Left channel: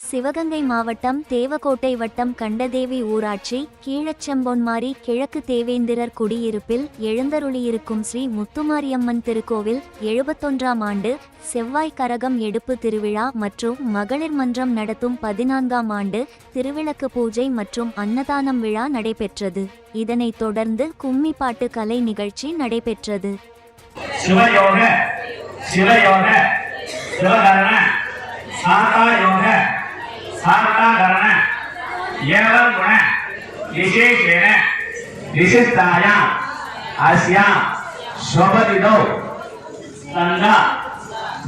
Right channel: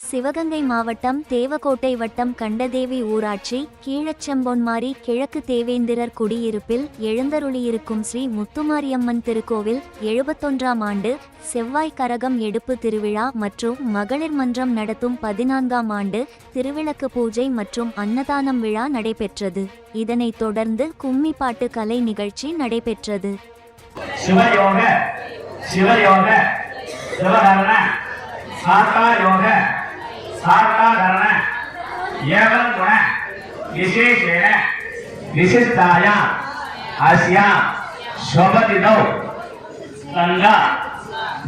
சிவகங்கை மாவட்டம் தேவக்கோட்டை வட்டம் கண்டதேவி ஊராட்சி கீழச்செம்பொன்மாரி கிழக்கு தேவேந்திரர் குடியிருப்பில் எழுந்தருளியிருக்கும் ஸ்ரீ முத்துமாரியம்மன் திருக்கோவில் 71ஆம் ஆண்டு செவ்வாய் கரகம் எடுப்பு திருவிழா மற்றும் மகளிர் மன்றம் நடத்தும் 14ஆம் ஆண்டு திருவிளக்கு பூஜை மற்றும் அன்னதானம் விழா நடைபெற்றது. இதனைத் தொடர்ந்து கும்மி பாட்டு கலை நிகழ்ச்சி நடைபெற்றது. சிவயோக சிவயோக சிவகரண சாகாயோக साकारण एवं गुण विशेषेण विशिष्टायां अस्यां शोभदिनौ गंगा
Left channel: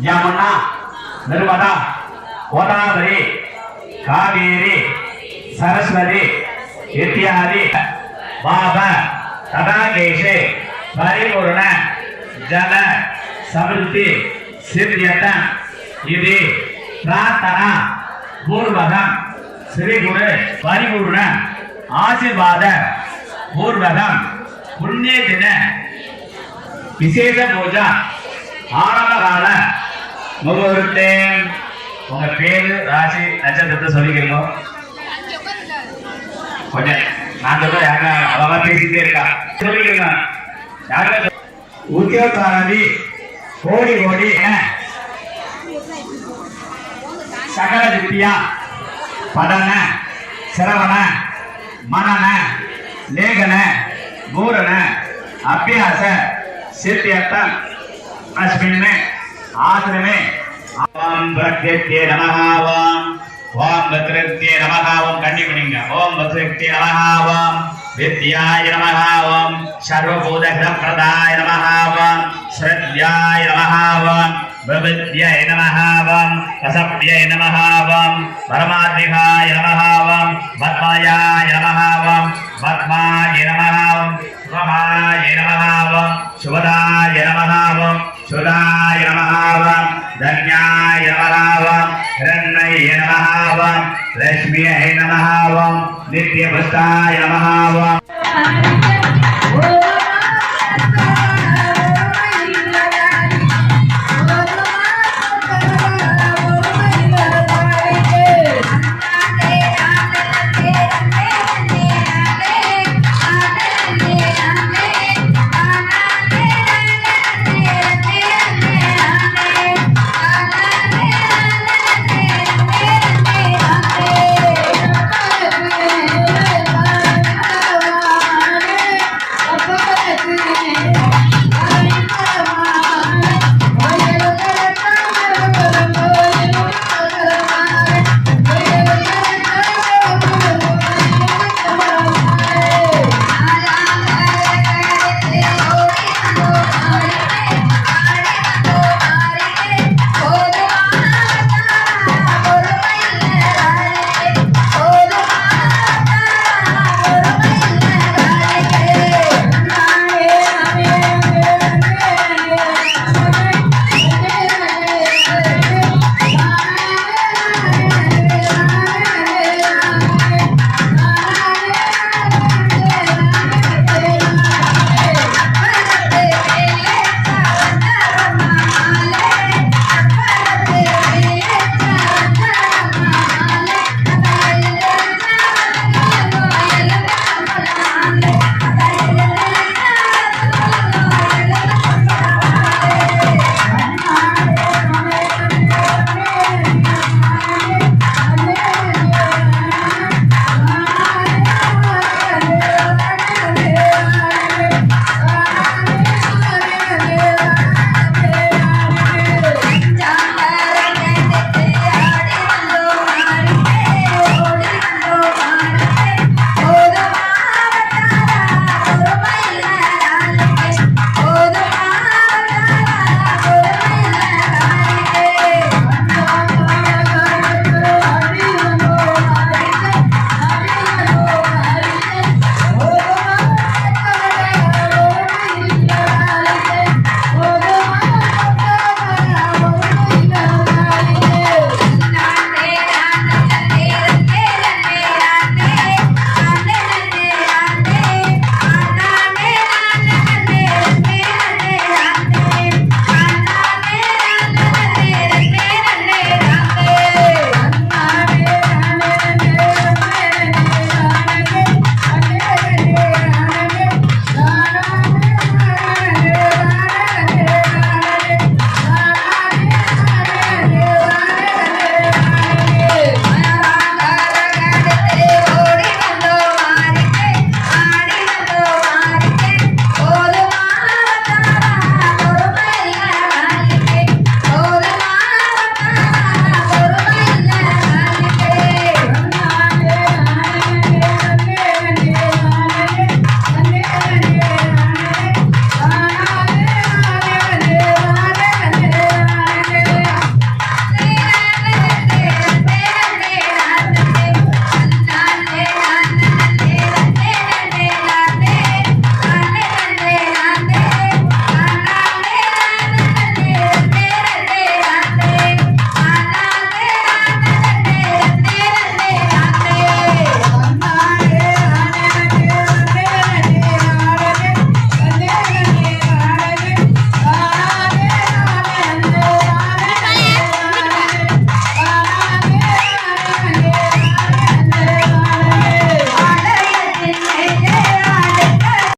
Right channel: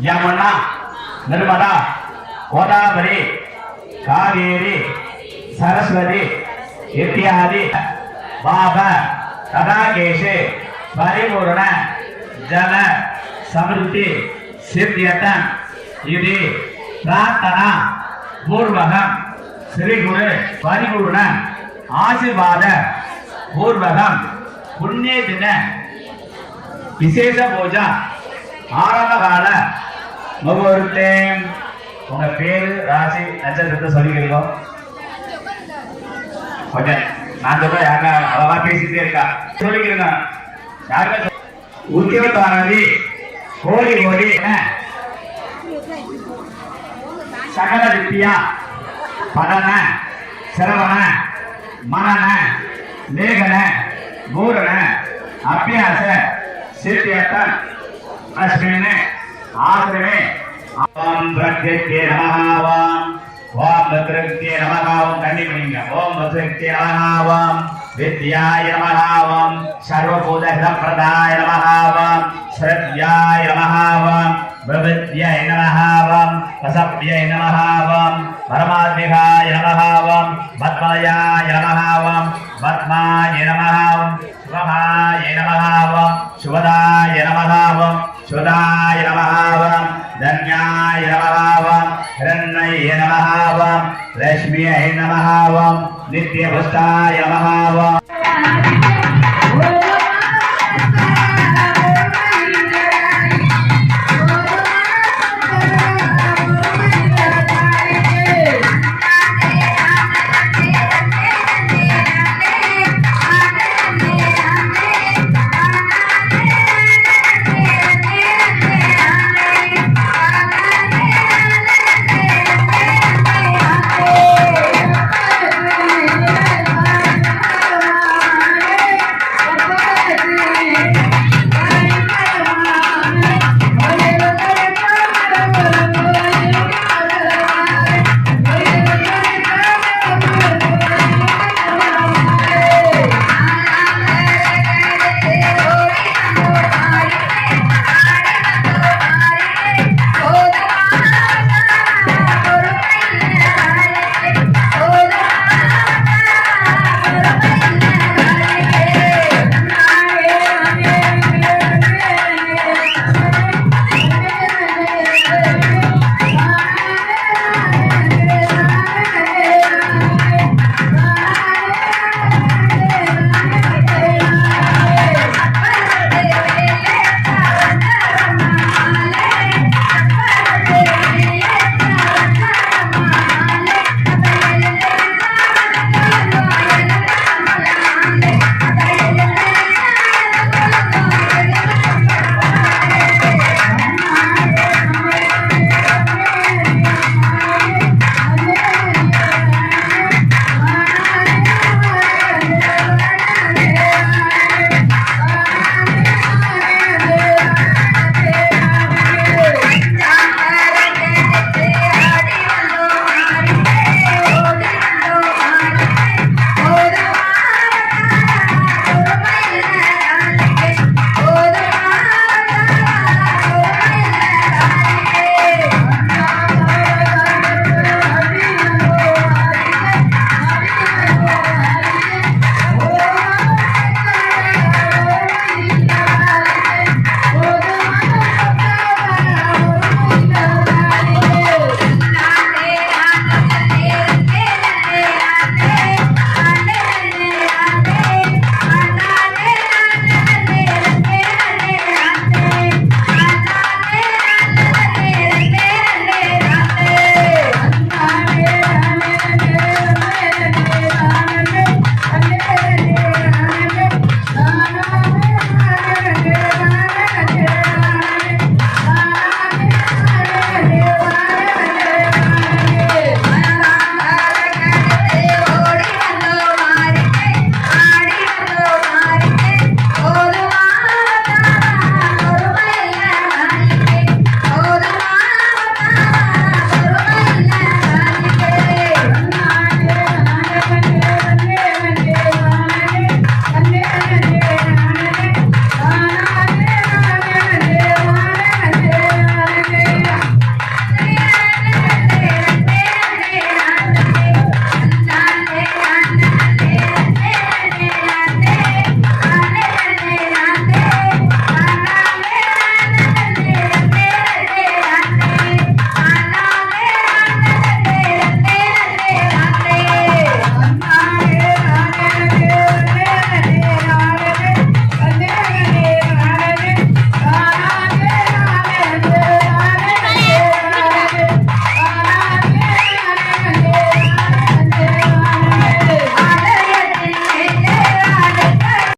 यमुना नर्मदा गोदावरी कावेरी सरस्वती इत्यादि वाव तडागेशे परिपूर्ण जल समृद्धि सिद्ध्यर्थम् इति प्रार्थना पूर्वकं श्री गुरु परिपूर्ण आशीर्वाद पूर्वकं पुण्य दिन विशेष पूजा आरंभ काल मुहूर्ते उंगा पेरु राशि नक्षत्रத்தை சொல்லிக்கிறீங்க கொஞ்சம் நான் சொல்ற யாரா அவவா பேசிட்டே இருக்கா சொல்லிக்கிறீங்க யாரா உத்தியோகத்தாரதி கோடி கோடி सकल विद्या पठन श्रवण मनन लेखन मूरण अभ्यास सिद्ध्यर्थम् अस्मिन् आश्रमे ओम प्रकृत्ये नमः ओम भद्रत्ये नमः ओम कण्डिकुणिंग ओम भद्रत्ये नमः ओम विद्याय नमः ओम सर्वभूतहितप्रदाय नमः ओम श्रद्धाय नमः ओम विद्याय नमः ओम रसभ्याय नमः ओम परमात्मिकाय नमः ओम पद्माय नमः ओम पद्माय नमः ओम शुभाय नमः ओम शुभदाय नमः ओम शुदाय नमः ओम धन्याय नमः ओम हिरण्मये नमः ओम लक्ष्म्यै नमः ओम नित्यपुष्टाय नमः ओम